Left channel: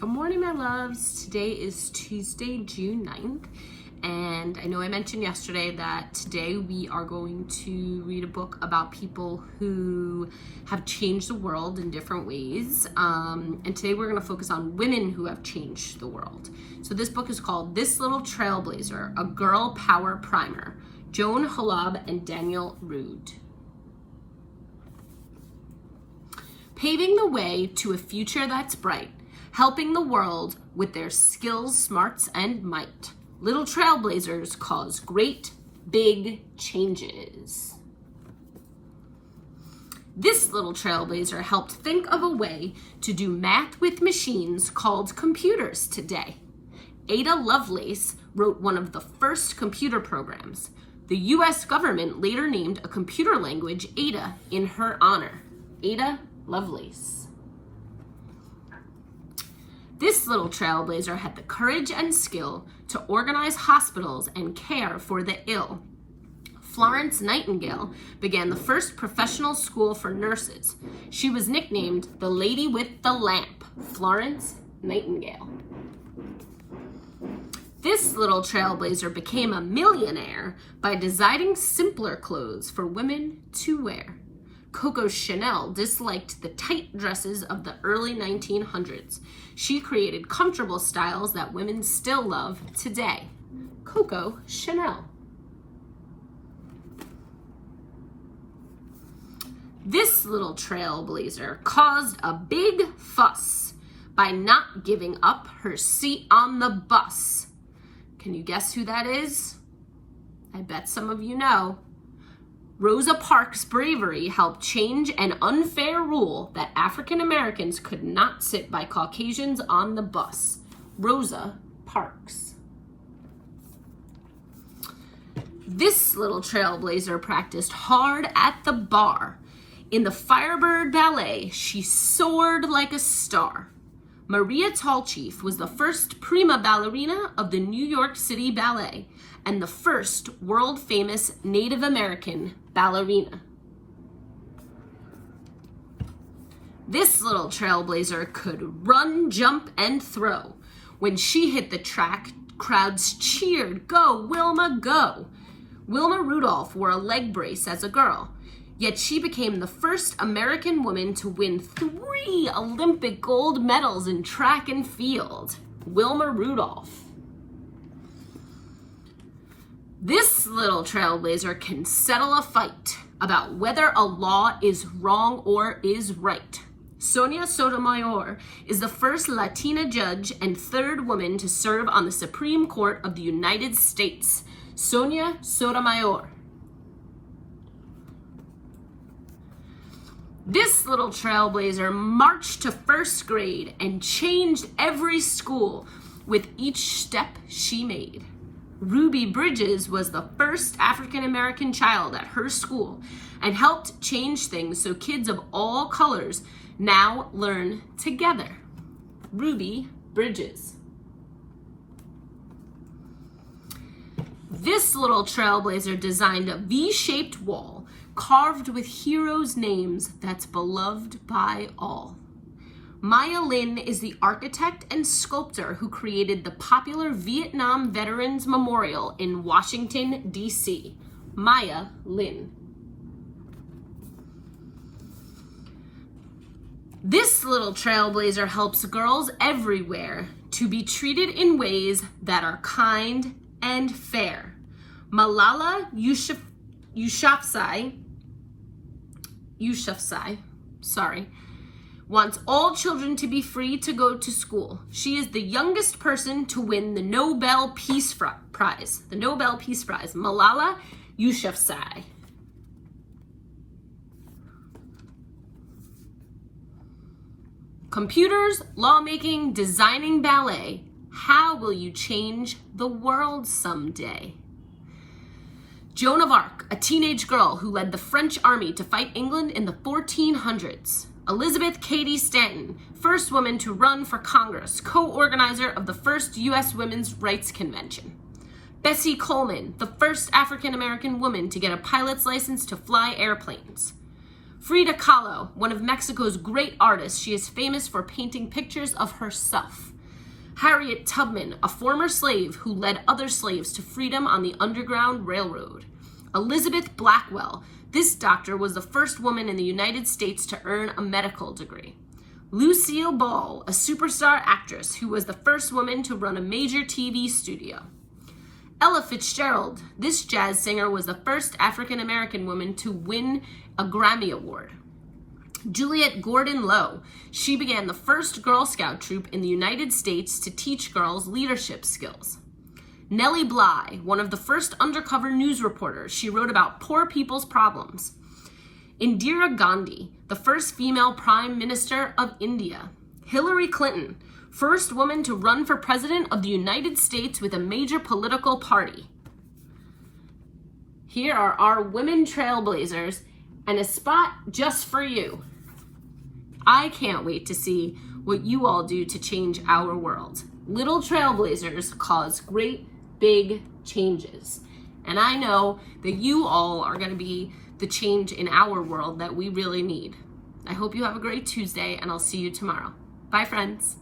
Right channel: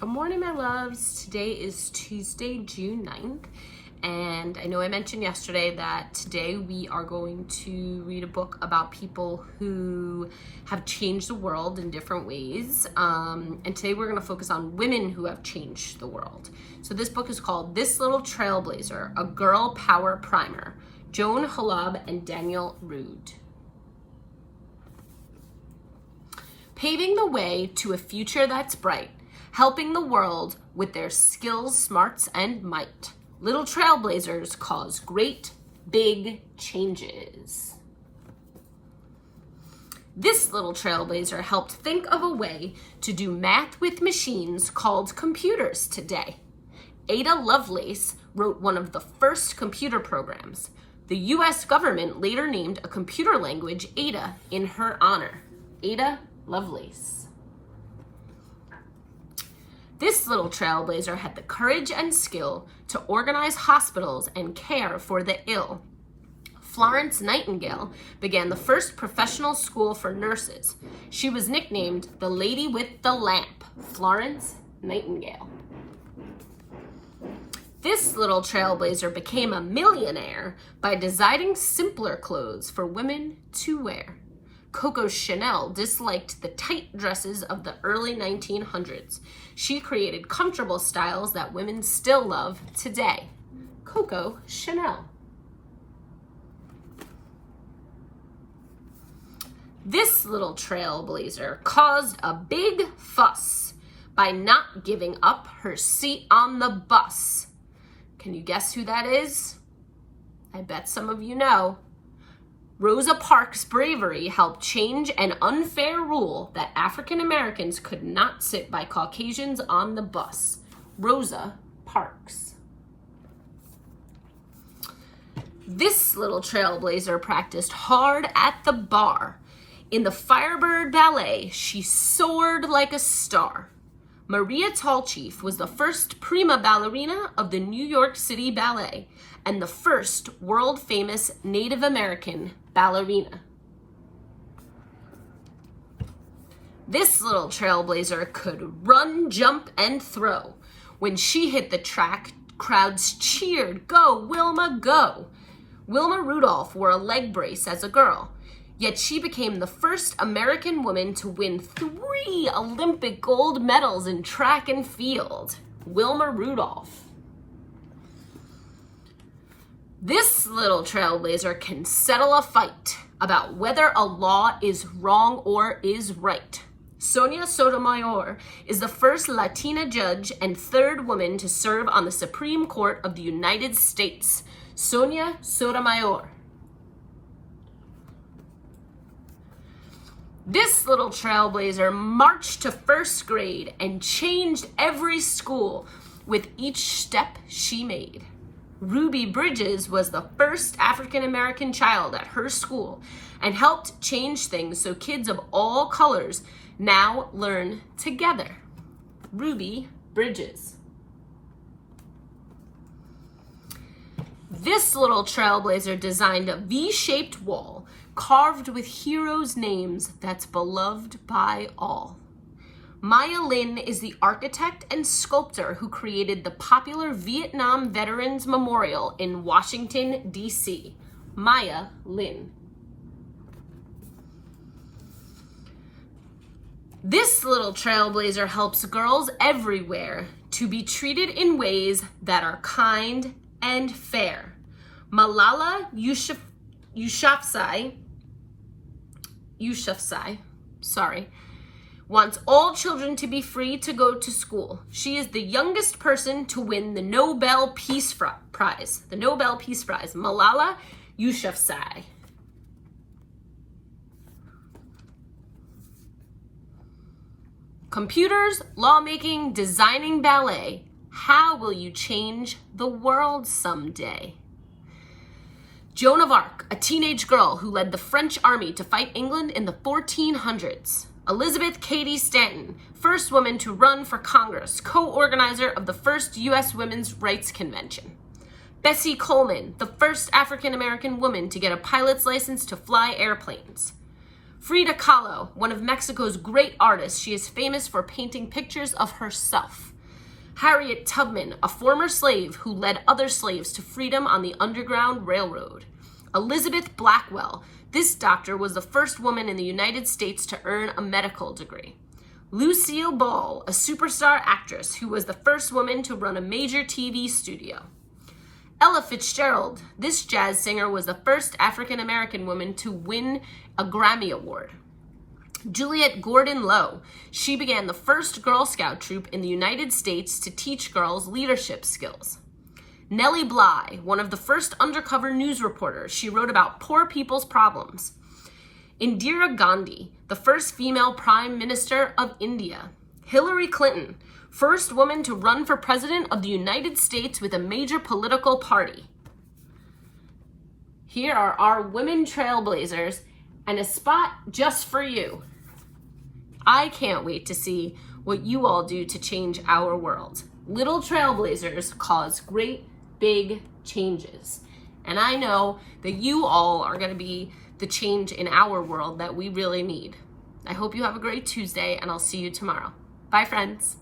Good morning, my loves. Today is Tuesday, June 9th, and I know I mentioned yesterday that today we are going to read a book about people who have changed the world in different ways, and today we're going to focus on women who have changed the world. So this book is called This Little Trailblazer, A Girl Power Primer, Joan Halab and Daniel Rood. Paving the way to a future that's bright, helping the world with their skills, smarts, and might. Little trailblazers cause great, big changes. This little trailblazer helped think of a way to do math with machines called computers today. Ada Lovelace wrote one of the first computer programs. The U.S. government later named a computer language Ada in her honor. Ada Lovelace. This little trailblazer had the courage and skill to organize hospitals and care for the ill. Florence Nightingale began the first professional school for nurses. She was nicknamed the Lady with the Lamp, Florence Nightingale. This little trailblazer became a millionaire by designing simpler clothes for women to wear. Coco Chanel disliked the tight dresses of the early 1900s. She created comfortable styles that women still love today. Coco Chanel. This little trailblazer caused a big fuss by not giving up her seat on the bus. Can you guess who that is? I bet some of you know. Rosa Parks' bravery helped change an unfair rule that African Americans could not sit by Caucasians on the bus. Rosa Parks. This little trailblazer practiced hard at the bar. In the Firebird Ballet, she soared like a star. Maria Tallchief was the first prima ballerina of the New York City Ballet and the first world-famous Native American ballerina. This little trailblazer could run, jump, and throw. When she hit the track, crowds cheered, "Go, Wilma, go!" Wilma Rudolph wore a leg brace as a girl, yet she became the first American woman to win 3 Olympic gold medals in track and field. Wilma Rudolph. This little trailblazer can settle a fight about whether a law is wrong or is right. Sonia Sotomayor is the first Latina judge and third woman to serve on the Supreme Court of the United States. Sonia Sotomayor. This little trailblazer marched to first grade and changed every school with each step she made. Ruby Bridges was the first African American child at her school and helped change things so kids of all colors now learn together. Ruby Bridges. This little trailblazer designed a V-shaped wall carved with heroes' names that's beloved by all. Maya Lin is the architect and sculptor who created the popular Vietnam Veterans Memorial in Washington, D.C. Maya Lin. This little trailblazer helps girls everywhere to be treated in ways that are kind and fair. Malala Yousafzai wants all children to be free to go to school. She is the youngest person to win the Nobel Peace Prize. The Nobel Peace Prize, Malala Yousafzai. Computers, lawmaking, designing ballet. How will you change the world someday? Joan of Arc, a teenage girl who led the French army to fight England in the 1400s. Elizabeth Cady Stanton, first woman to run for Congress, co-organizer of the first U.S. Women's Rights Convention. Bessie Coleman, the first African-American woman to get a pilot's license to fly airplanes. Frida Kahlo, one of Mexico's great artists. She is famous for painting pictures of herself. Harriet Tubman, a former slave who led other slaves to freedom on the Underground Railroad. Elizabeth Blackwell, this doctor was the first woman in the United States to earn a medical degree. Lucille Ball, a superstar actress who was the first woman to run a major TV studio. Ella Fitzgerald, this jazz singer was the first African-American woman to win a Grammy Award. Juliette Gordon-Low, she began the first Girl Scout troop in the United States to teach girls leadership skills. Nellie Bly, one of the first undercover news reporters, she wrote about poor people's problems. Indira Gandhi, the first female Prime Minister of India. Hillary Clinton, first woman to run for president of the United States with a major political party. Here are our women trailblazers and a spot just for you. I can't wait to see what you all do to change our world. Little trailblazers cause great big changes. And I know that you all are going to be the change in our world that we really need. I hope you have a great Tuesday, and I'll see you tomorrow. Bye, friends.